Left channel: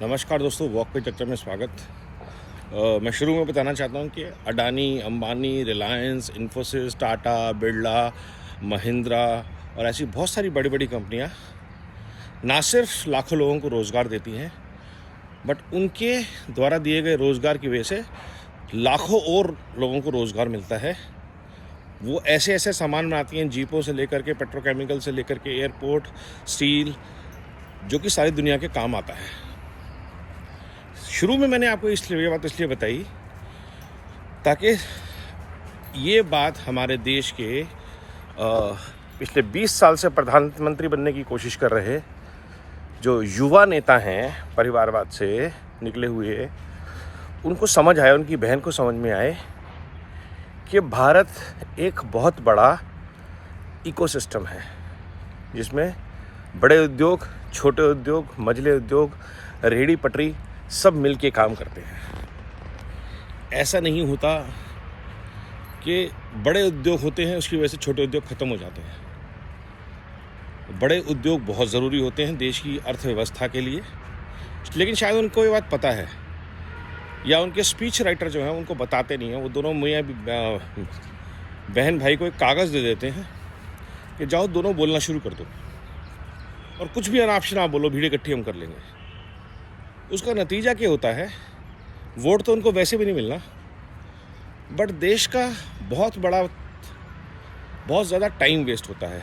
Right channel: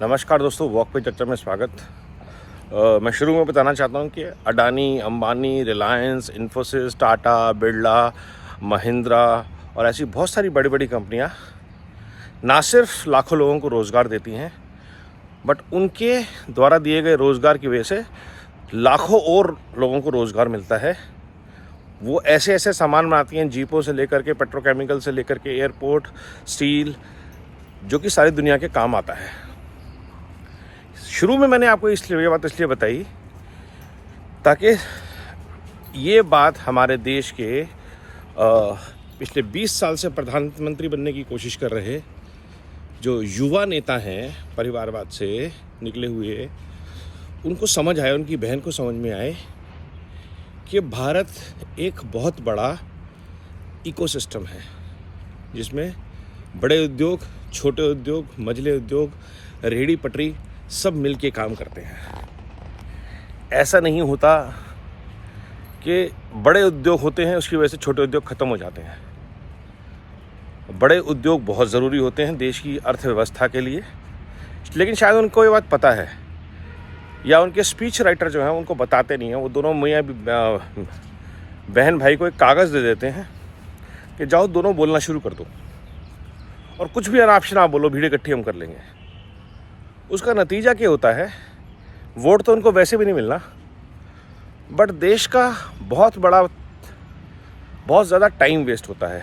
नमस्कार दोस्तों, वॉक पे चर्चा में स्वागत। मैं शुरू में बताना चाहता हूं कि अडानी, अंबानी, रिलायंस, इन्फोसिस, टाटा, बिरला, महिंद्रा और ऐसी बहुत सारी बड़ी बड़ी कंपनियां ना सिर्फ लाखों लोगों को रोज़गार देती हैं, बट उनके द्वारा दिए गए रोज़गार की वजह से लाखों और लोगों को रोज़गार मिलता है। वो ऐसे ऐसे सामान बनाती हैं, जीपों से लेकर के पेट्रोकेमिकल से लेकर के एयरपोर्ट, स्टील, जो कि सारी दुनिया के काम आता है। शुरू में मैंने आपको ये बात इसलिए बताई ताकि ये बात हमारे देश के पिछले 20 साल से प्रधानमंत्री बनने की कोशिश कर रहे जो युवा नेता हैं, परिवारवाद से निकले हुए, उनको समझ आए, उनकी बहन को समझ में आए कि भारत एक बहुत बड़ा इकोसिस्टम है जिसमें बड़े उद्योग, छोटे उद्योग, मझले उद्योग, रेहड़ी पटरी सब मिलके काम करते हैं। ऐसा नहीं होता कि बड़े उद्योग होते हैं उसकी वजह से छोटे उद्योग ख़त्म हो जाते हैं। बड़े उद्योग बहुत ज़रूरी होते हैं देश की अर्थव्यवस्था के लिए, लेकिन शायद उनको ये बात पता है या उनके स्पीच राइटर जो हैं उनको बताते नहीं हैं। वो दोनों मियाँ बहन भाई को एक कागज़ दे देते हैं कि जाओ दोनों बोलना शुरू कर दो और कुछ भी अनाप शनाप बोलो, भीड़ इकट्ठी हम कर लेंगे। उसका नतीजा क्या होता है? वोट तो उनको वैसे भी नहीं मिलना, बट देश का बहुत ज़्यादा टाइम वेस्ट होता है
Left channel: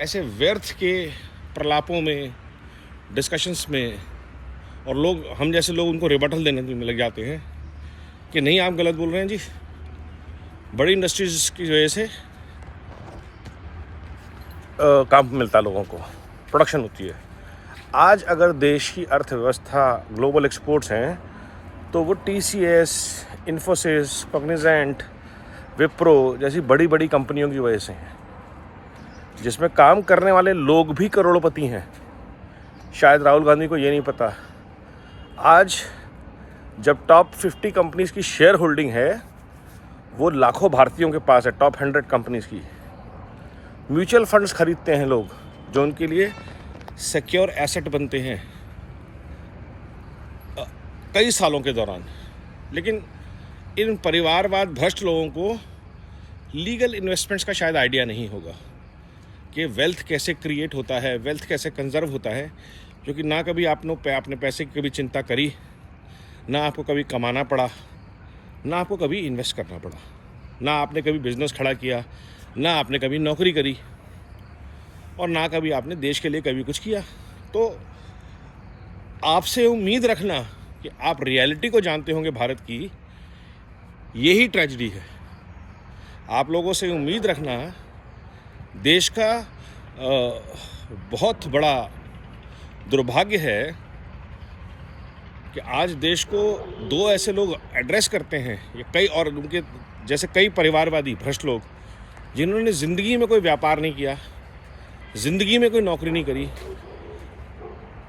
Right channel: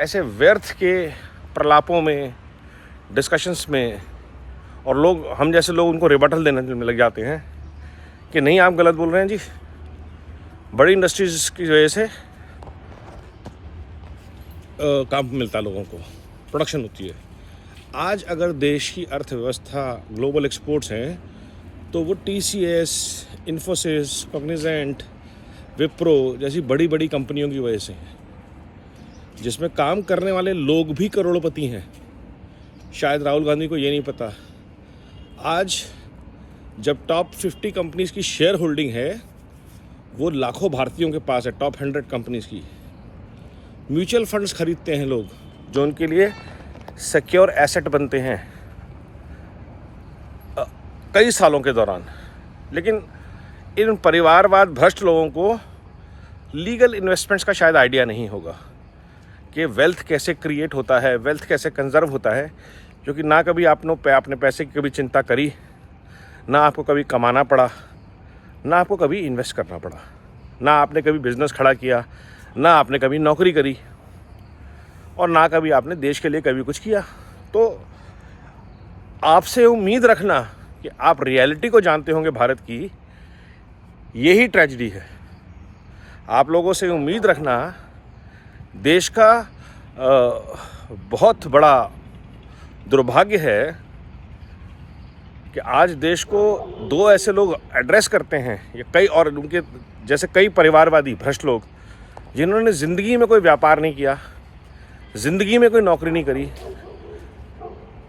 ऐसे व्यर्थ के प्रलापों में, डिस्कशंस में, और लोग, हम जैसे लोग, उनको रिबटल देने में लग जाते हैं कि नहीं आप गलत बोल रहे हैं जी। बड़ी इंडस्ट्रीज की वजह से काम मिलता है लोगों को, प्रोडक्शन होती है। आज अगर देश की अर्थव्यवस्था ग्लोबल एक्सपोर्ट्स हैं तो वो TCS, इन्फोसिस, कॉग्निजेंट, विप्रो जैसी बड़ी बड़ी कंपनियों की वजह से हैं, जिसमें काम करने वाले लोग भी करोड़पति हैं। शायद राहुल गांधी को ये नहीं पता। आज जब टॉप 50 कंपनीज की शेयर होल्डिंग है वो लाखों भारतीयों के पास है, टॉप 100 कंपनीज की। म्यूचुअल फंड्स खरीदते हैं लोग जो उनके लिए सिक्योर एसेट बनते हैं कई सालों के दौरान। लेकिन इन परिवारवाद भ्रष्ट लोगों को लीगल इन्वेस्टमेंट्स का शायद आइडिया नहीं होगा कि वेल्थ कैसे क्रिएट होता है, वेल्थ कैसे कंजर्व होता है, क्योंकि ना कभी आपने अपने पैसे की कभी चिंता करी, ना आपको कभी कमाना पड़ा, ना आपको कभी इन्वेस्ट करना पड़ा, ना आपने कभी बिजनेस खड़ा किया, ना आपने कभी नौकरी करी, और ना कभी आपने देश के लिए कभी कुछ किया। तो आपसे उम्मीद रखना कि आप रियलिटी को जानते होंगे भारत की, यही ट्रेजेडी है। आप लोगों से उम्मीद रखना देश का बहुत बड़ा दुर्भाग्य है कि आज देश को दो ऐसे लोग एड्रेस करते हैं, या कई और उनके जैसे कई परिवारवादी भ्रष्ट लोग, जिन्होंने ज़िंदगी में कोई व्यापार नहीं किया, ज़िंदगी में कोई नौकरी नहीं करी,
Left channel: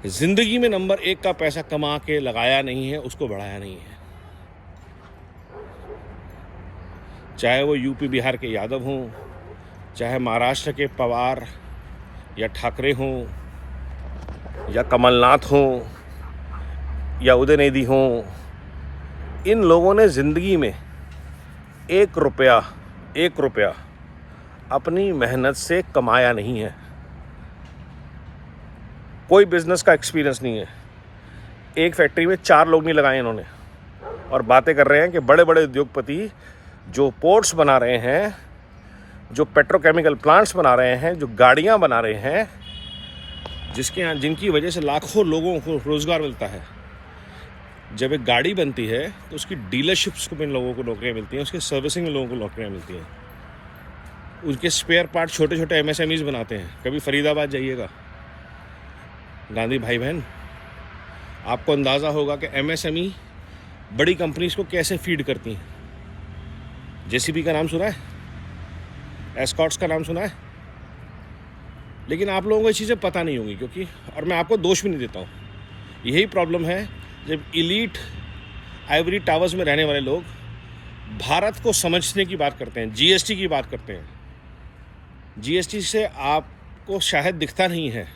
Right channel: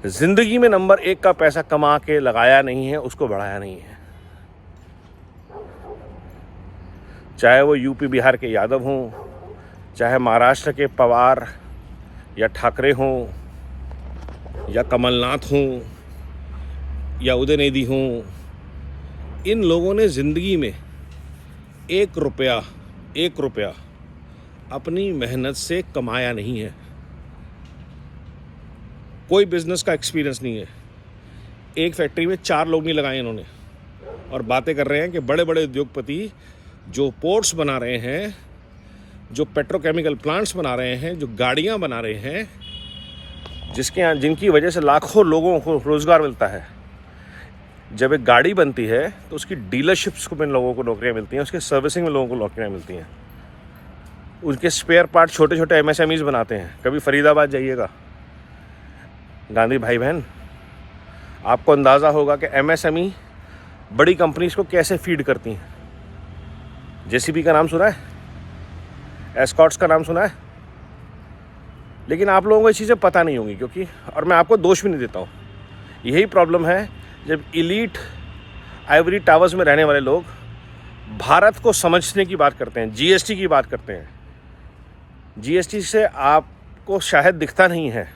ज़िंदगी में नंबर 1 का पैसा कमा के लगाया नहीं है, उसको बढ़ाया नहीं है। चाहे वो यूपी बिहार के यादव हों, चाहे महाराष्ट्र के पवार या ठाकरे हों, या कमलनाथ हों, या उदयनिधि हों, इन लोगों ने ज़िंदगी में एक रुपया अपनी मेहनत से कमाया नहीं है। कोई बिजनेस का एक्सपीरियंस नहीं है। एक फैक्ट्री में 4 लोग नहीं लगाए इन्होंने, और बातें कर रहे हैं कि बड़े बड़े उद्योगपति जो पोर्ट्स बना रहे हैं, जो पेट्रोकेमिकल प्लांट्स बना रहे हैं, जो गाड़ियां बना रहे हैं, जिनकी वजह से लाखों लोगों को रोज़गार मिलता है। जब एक गाड़ी बनती है तो उसकी डीलरशिप्स में लोगों को नौकरियां मिलती हैं, उसके सर्विसिंग में लोगों को नौकरियां मिलती हैं। उनके स्पेयर पार्ट छोटे छोटे MSMEs बनाते हैं। कभी फरीदाबाद जाइएगा, गांधी भाई बहन, आपको अंदाज़ा होगा कि MSME बड़ी कंपनीज को कैसे फीड करती हैं। JCB का नाम सुना है? एस्कॉर्ट्स का नाम सुना है? लेकिन आप लोगों को ये चीज़ें पता नहीं होंगी, क्योंकि, और मैं आपको दोष भी नहीं देता हूँ, यही प्रॉब्लम है जब इलीट आइवरी टावर्स में रहने वाले लोग भारत को समझने की बात करते हैं, GST की बात करते हैं। GST से आपको शायद दिखता नहीं है,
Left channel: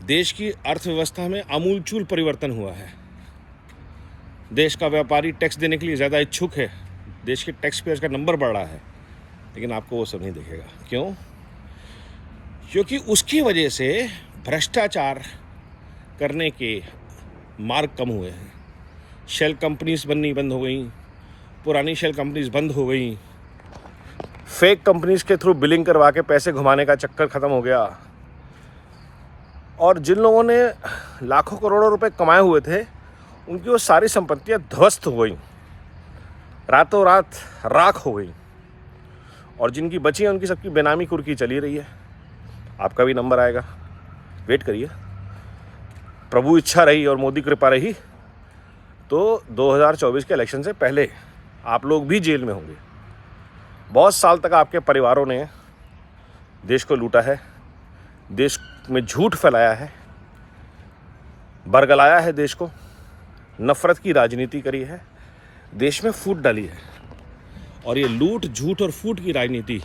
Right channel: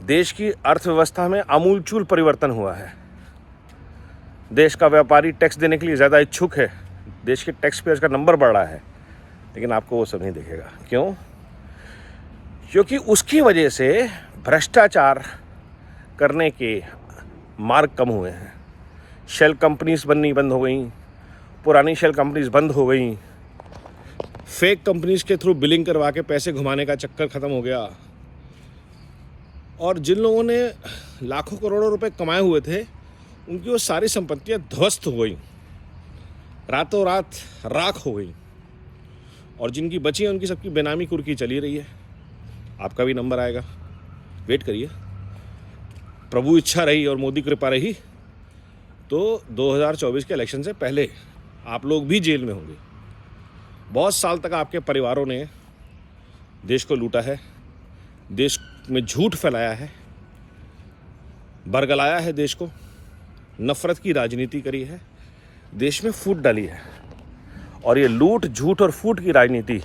देश की अर्थव्यवस्था में आमूलचूल परिवर्तन हुआ है। देश का व्यापारी टैक्स देने के लिए ज़्यादा इच्छुक है, देश के टैक्स पेयर्स का नंबर बढ़ रहा है, लेकिन आपको वो सब नहीं दिखेगा। क्यों? क्योंकि उसकी वजह से भ्रष्टाचार करने के मार्ग कम हुए हैं। शेल कंपनीज बननी बंद हो गई, पुरानी शेल कंपनीज बंद हो गई, फेक कंपनीज के थ्रू बिलिंग करवा के पैसे घुमाने का चक्कर ख़त्म हो गया, और जिन लोगों ने लाखों करोड़ों रुपए कमाए हुए थे उनकी वो सारी संपत्तियां ध्वस्त हो गई, रातों रात राख हो गई, और जिनकी बची हैं उनकी सबकी बेनामी कुर्की चली रही है। आपका भी नंबर आएगा, वेट करिए। प्रभु इच्छा रही और मोदी कृपा रही तो 2024 के इलेक्शन से पहले आप लोग भी जेल में होंगे। बहुत साल तक आपके परिवारों ने देश को लूटा है, देश में झूठ फैलाया है, बरगलाया है देश को, नफरत की राजनीति करी है, देश में फूट डाली है, और ये लूट, झूठ और फूट की राजनीति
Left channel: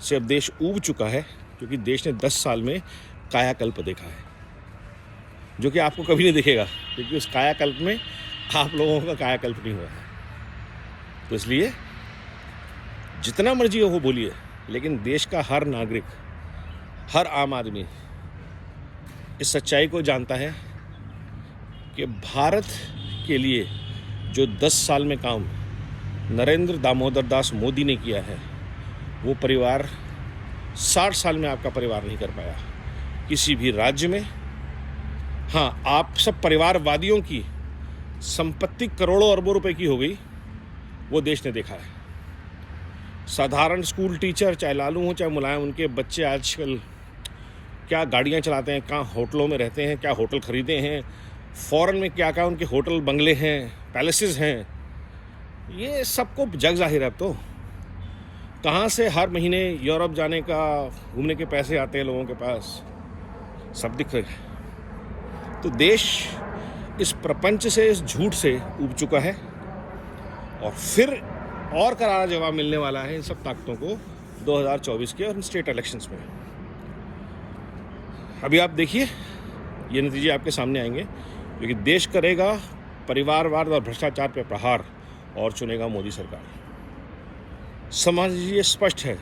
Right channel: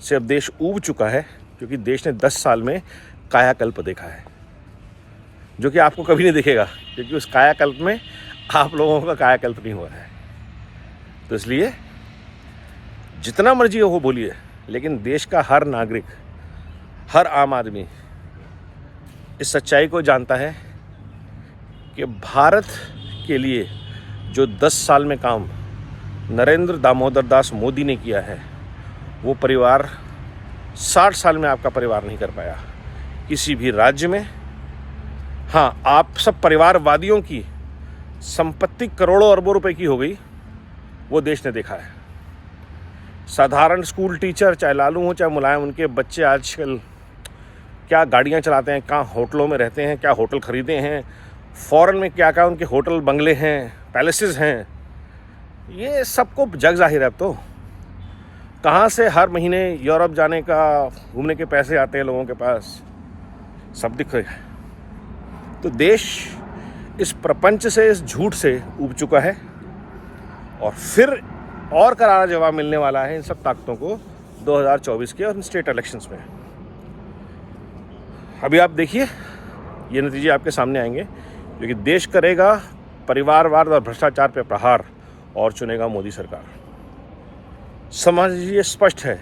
से अब देश ऊब चुका है, क्योंकि देश ने 10 साल में कायाकल्प देखा है, जो कि आपको कभी नहीं दिखेगा, क्योंकि उस कायाकल्प में आप लोगों का कायाकल्प नहीं हुआ है। तो इसलिए जितना मर्जी हो बोलिए, लेकिन देश का हर नागरिक, हर आम आदमी इस सच्चाई को जानता है कि भारत के लिए जो 10 साल में काम नरेंद्र दामोदर दास मोदी ने किया है, वो परिवार 60 साल में आपका परिवार नहीं कर पाया किसी भी राज्य में। हाँ, आप सब परिवारवादियों की संपत्ति करोड़ों अरबों रुपए की हो गई, वो देश ने देखा है। साधारण स्कूल टीचर, चाहे लालू हो चाहे मुलायम, उनके बच्चे आजकल क्या गाड़ियां चलाते हैं, कहाँ होटलों में रहते हैं, क्या होटल खरीदे हैं, फॉरेन में क्या क्या उनके होटल बंगले हैं, पैलेसेस हैं, ये सबको जग जाहिर है। अब तो कहाँ से हर महीने यूरोप जाने का, घूमने के पैसे आते हैं लोगों के पास, सब दिख रहा है। तो देश इस प्रपंच से, इस झूठ से ऊब चुका है, और फिर और करारा जवाब मिलने वाला है इन सब ताकतों को 2024 के और स्टेट इलेक्शंस में। अभी आप देखिए, ये नतीजे आपके सामने आएंगे, क्योंकि देश करेगा परिवारवाद और भ्रष्टाचार पे प्रहार और चुनेगा मोदी सरकार। समझिए, स्पष्ट है,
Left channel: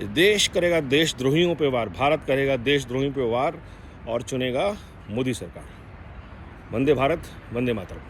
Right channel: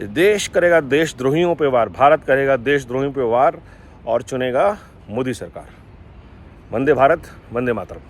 देश करेगा देशद्रोहियों पे वार, भारत करेगा देशद्रोहियों पे वार और चुनेगा मोदी सरकार। वंदे भारत, वंदे मातरम।